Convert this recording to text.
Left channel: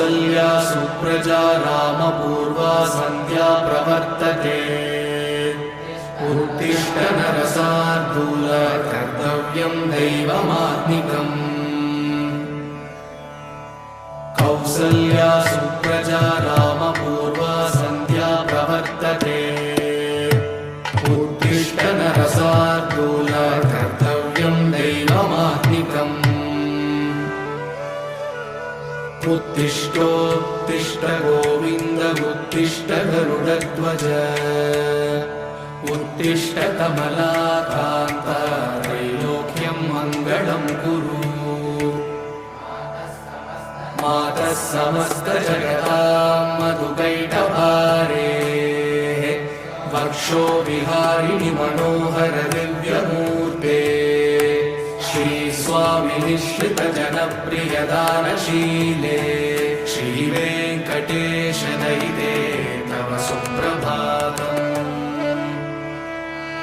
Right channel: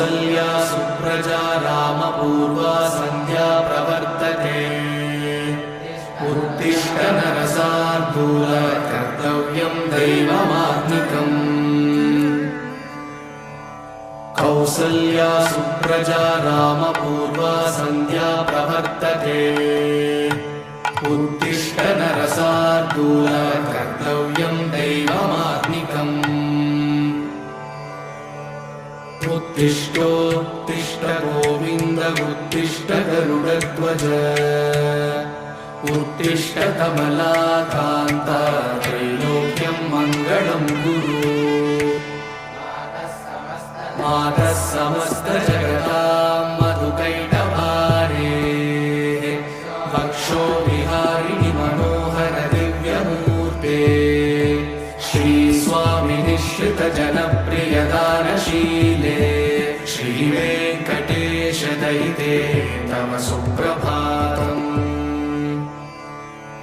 कौसल्या सुप्रजा रामपूर्वा सन्ध्या प्रवर्तते उत्तिष्ठ नरशार्दूल कर्तव्यं दैवमात्मिकम् कौसल्या सुप्रजा रामपूर्वा सन्ध्या प्रवर्तते उत्तिष्ठ नरशार्दूल कर्तव्यं दैवमात्मिकम् उत्तिष्ठोत्तिष्ठ गोविन्द उत्तिष्ठ गरुडध्वज उत्तिष्ठ कमलाकान्त त्रैलोक्यं मङ्गलं कुरु मातः समस्तजगतां मधुकैटभारेः वक्षो विहारिणि मनोहर दिव्यमूर्ते श्रीस्वामिनिश्रितजनप्रियदानशीले श्रीवेङ्कटेश दयिते तव सुप्रभातम्।